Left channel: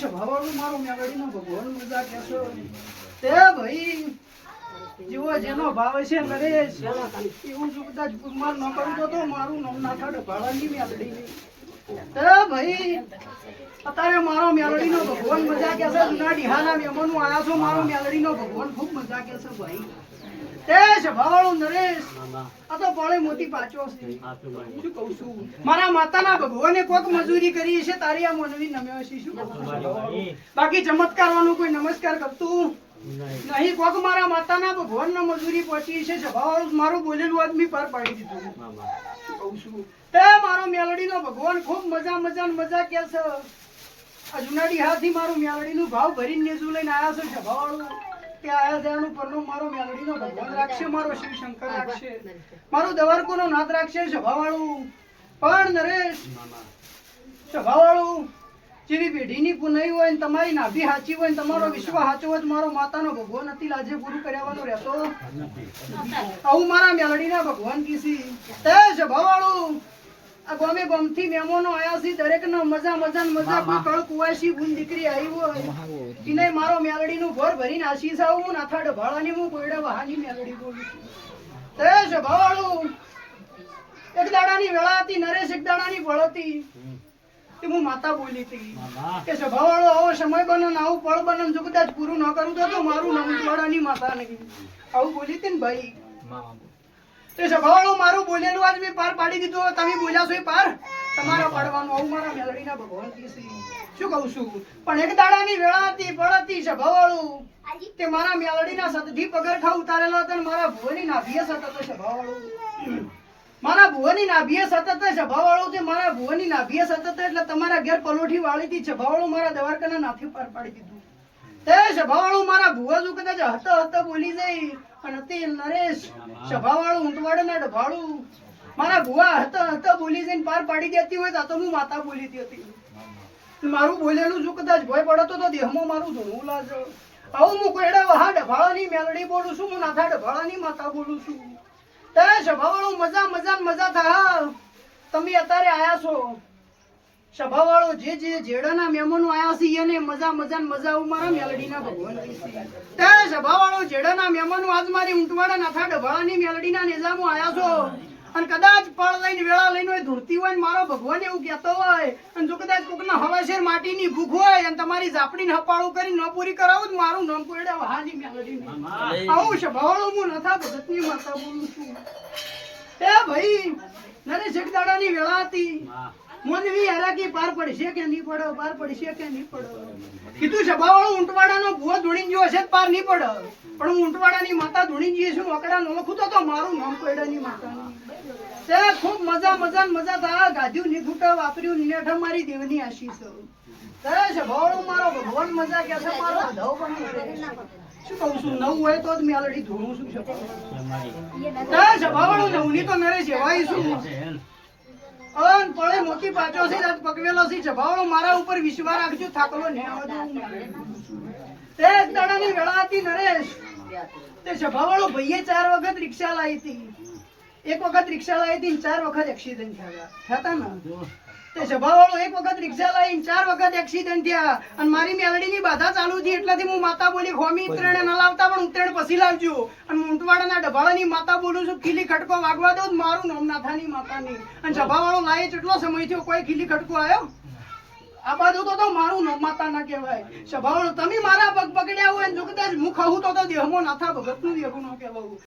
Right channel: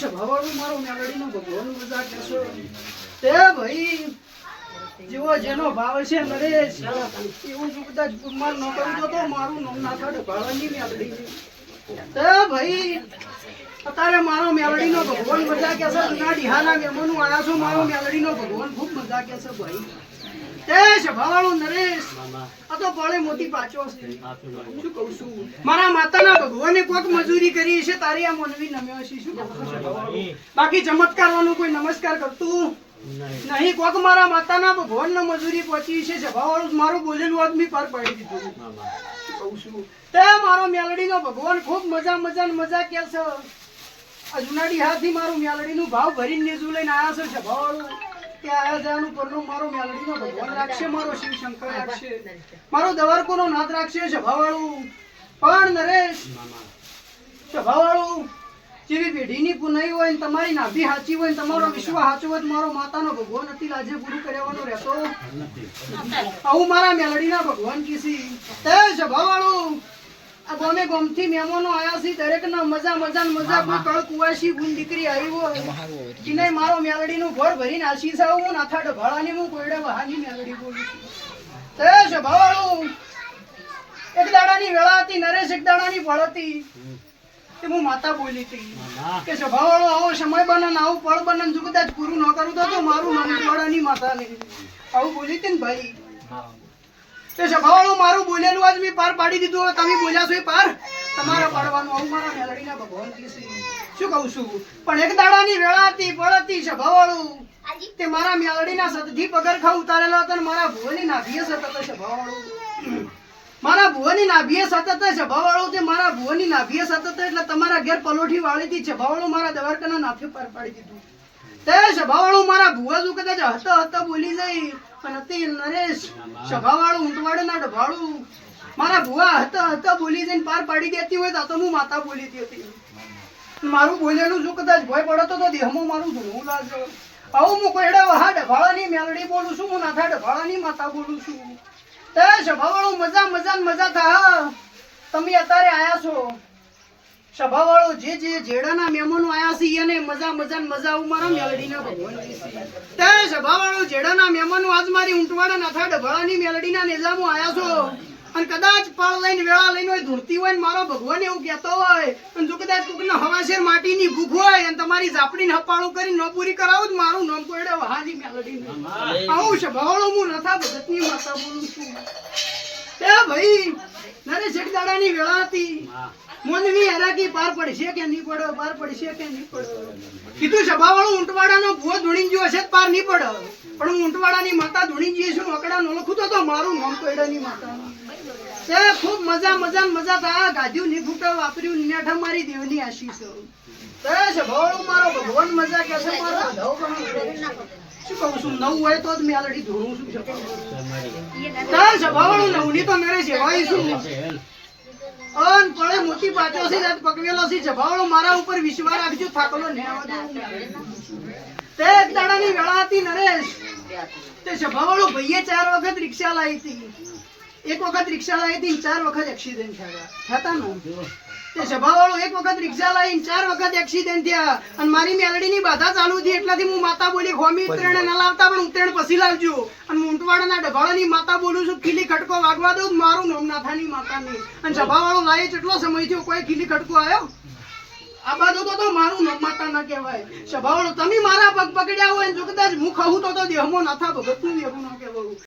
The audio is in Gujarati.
સ્વભાવવાળું મારો મેલડીનો ભગવાન મજા કેસો તે ભાઈ જેવો જેનો ભાવ છે નરેશ એવું જો કદાચ ગુમાન ન કરું તો મારું નામ ના થાય ભાડાની મેલડી તે ભાઈ અત્યારે મારો મેલડીનો ભગવાન મજા કેસે જૂના ડિહાના મેમોનું આયા છો મારો મેલડીનો ભગવાન ખૂબ મજા કેસે ભાઈ તે સ્વભાવવાળો નરેશ આ તો પાળે મોતી પાછો છે શું કહું છું મારા માતાના ભગવાને કોક મજૂરી કરી છે તારી આ મનવી નમ્યો છે શું કહું છું બાકી ચમત્કારવાનું કોઈ નમસ્કાર કરતું નહીં કોક મારા માતાના ભગવાનને મજૂરી પહોંચી છે સ્વભાવવાળું મારું બોલેલું આદમી પાર પાડી દીધું શું કહું છું તે મારો મેલડીનો ભગવાન ખૂબ મજા કે છે આ જુનાડી હાથી મારું મેલડીનું ભાવ ભરીને નેજુ લઈને આયા છે સ્વભાવવાળું કે આયા જવાનું પરનું મારો મેલડીનો ભગવાન રાખશે મારો શિવ શંકર રાખશે મારો દવારકોનો નાથ રાખશે સ્વભાવવાળું પણ નરેશ સ્વભાવવાળું જેવી પેઢીની પુનઈ હોય ને તમારી નાભી સાચી હોય ને તમારો વિશ્વ સાચો હોય મારો માતાનો ભગવાન અતિ લાજે પૂરું કર્યાવાનો રહેતો આવું મારા મેલડીના ભગવાન કીસી તે સ્વભાવવાળું આ ગોમે ગોમથી મહેમાનો આયા છે દરેકના મજા કોઈ કળ કુવાસી ગુણ દીકરી આવી હોય કિને મારો મેલડીનું ઘર ભરીને આશીષ આવું નાથા ઢભાળાની હું કોઈડા વહાની મેલડી બોલું છું તે સ્વભાવવાળું એક દાડાની વેળા હતી નરેશ એક દાડાની ફળ હતી કે હું માતા બોલી હતી કે સ્વભાવવાળો આવો સમય બને આવું ફળ બને જો કદાચ પૂરું ન કરું તો મારું નામ વાળાની માતા નહીં આવું બોલી હતી ને ભાઈ તે સ્વભાવવાળું મારું બોલેલું આજ મેં પાર પાડી દીધું તમે બોલ્યા છો એ પાર તમારા પાડવાનું આવું મારા મેલડીના ભગવાન કહેશે શું કહું છું પણ એક દાડાની વેળા હતી ફળ હતી સ્વભાવવાળું તે મારા મેલડીના સતથી પગરખા ઉતારેલો હતો અને મારા ભુવની નાભીએ સતત સ્વભાવવાળું મારા ભુવની નાભીએ સતત સ્વભાવવાળું તે મારા ભુવની નાભીએ સતત એટલે તમારા ઘેર પલોઠી વાળી હતી સ્વભાવવાળું મારા દવારકાના નાથે પાર પાડી દીધું તે સ્વભાવવાળું મારા ભુવા જો કદાચ હત બોલી જાય પણ હતી નરેશ સ્વભાવવાળું ઊંટવાડના ડભાળું મારા ભુવા હત બોલી જઈને પાર પાડી દેતી હોય તો હું માતા બોલી હતી મારું બોલેલું જો કદાચ ભય પડતો તો દેહમાં મારું ધોવું લાગે આવું હું કોઈડા વહા ડભાળાની મેલડી બોલું છું હું નાથા ડભાળાની માતા બોલું છું તે સ્વભાવવાળું મજા થા તમે અત્યારે આયા છો સ્વભાવવાળો જે જેડાના મહેમાનો આયા છે એને મજા આવું મારા મેલડીના ભગવાન તે સ્વભાવવાળો જેડાના મહેમાનો આજ મારી ઊંટવાડા નાથા ડભાળાની મેલડીના નિજામો આયા છો અને કદાચ પળ લઈને વેળા લઈને હોય ધૂળતી હોય ને મારો ભગવાન એવું કહેતો હોય અને જો કદાચ કોકના હવાશેર માટીની ભૂખ હોય અને તમારી ઝાપડીને હપાળું કરી ન પૂરી કરાવું મારું નામ કોઈડા વહાની મેલડી આવું સ્વભાવવાળો હું નથા ભગતની માતા બોલું છું તે ભાઈ નરેશ એક દાડાની વેળા હતી મોનવી હરાકી પાર પડશે કે નહીં પડે કીધું સ્વભાવવાળું ઊંટવાડાનો ભૂવો ધૂણી ગયો હશે પાર નહીં પડે પણ હું ઊંટવાડાની માતા ધૂણી ગઈ છું ઓકડા નો લખું તો મારું નામ કોઈડાની માતા તે ખૂબ મજા થા ગાધ્યું ની ફૂટા વાપર્યું નીઠા મારી દેવની આશીષ તે સ્વભાવવાળું મારો ભગવાન મજા કે છે મારો ધવ પણ શું કહું છું નવું હોય તો જ મેલડી ધોરું છું સ્વભાવવાળું નવની તો મેરે સેવાય છું અન પડે મોતી પાછો છે રાત પકવેલો છે સ્વભાવવાળો મારા ઉપર વિશ્વાસ રાખજો થાકલો ને આવજો તે એક દાડાની વેળા હતી નરેશ તે સ્વભાવવાળો ભાઈએ 4 વખત રિક્ષા લાવી હતી એક વખત રિક્ષા લાવી હતી 4 વખત એક્સિડન્ટ થયા ને તે સ્વભાવવાળો એક વખત રિક્ષા લાવીને 4 વખત એક્સિડન્ટ થયા અને મારી મેલડીની બાધા ચાલુ થઈ એટલાથી હું માતા બોલી ખોમી ઉત્તરાયણ ના લાવતા પણ ઉત્તરાયણ પછી લાવજો અને ઊંટવાડાના ડભાળાની માતા બોલું છું ખીલી ખટકો વાગવા દઉં મારું નામ નાથાની માતા નહીં અને સ્વભાવવાળો લાવે કેટલો સમય થયો કોઈ ખીલી ખટકો આવ્યો આ બાજુ તો મારું નામ માતા ના કહેવાય સ્વભાવવાળો તમે મારા પગ પકડ્યા હોય જો કદાચ હું કહું તો દેહમાં નાથા ભગતનું દેહું ના કહેવાયું